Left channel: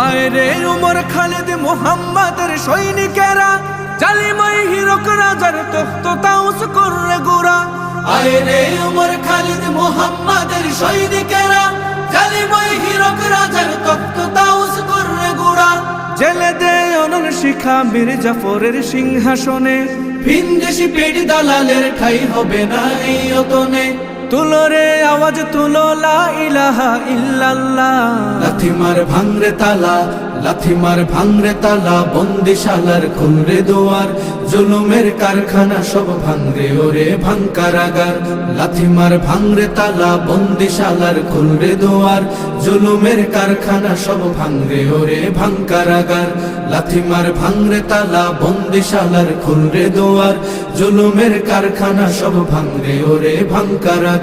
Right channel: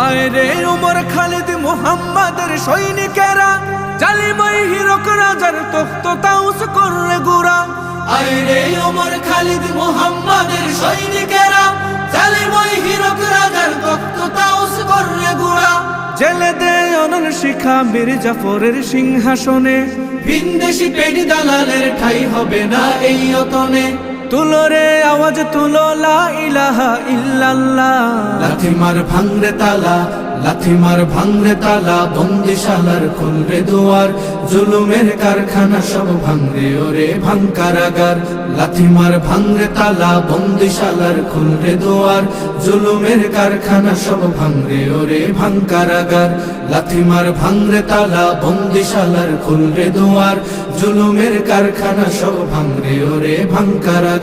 আয় রে উমর খালিদ মুহাম্মাদের সৈনিকেরা, জালিমাই হিরক রাজার তখ্ত তাউস করে গুরা। আয় রে উমর খালিদ মুহাম্মাদের সৈনিকেরা, জালিমাই হিরক রাজার তখ্ত তাউস করে গুরা। জেলে দে অনল শিখা বীর জাফরের সিংহাসনে, ভিনদেশি পেট দালালের ঠাই হবে না এই অতনে। তুলো রে আওয়াজ তুলো লা ইলাহা ইল্লাল্লাহ। লাথি মার ভাঙরে তালা, লাথি মার ভাঙরে তালা, বন্দিশালার খুলরে দুয়ার, জুলুমের কারখানা সব ভাঙরে ওরে ভাঙ কারাগার। লাথি মার ভাঙরে তালা, বন্দিশালার খুলরে দুয়ার, জুলুমের কারখানা সব ভাঙরে ওরে ভাঙ কারাগার। লাথি মার ভাঙরে তালা, বন্দিশালার খুলরে দুয়ার, জুলুমের কারখানা সব ভাঙরে ওরে ভাঙ কারাগার।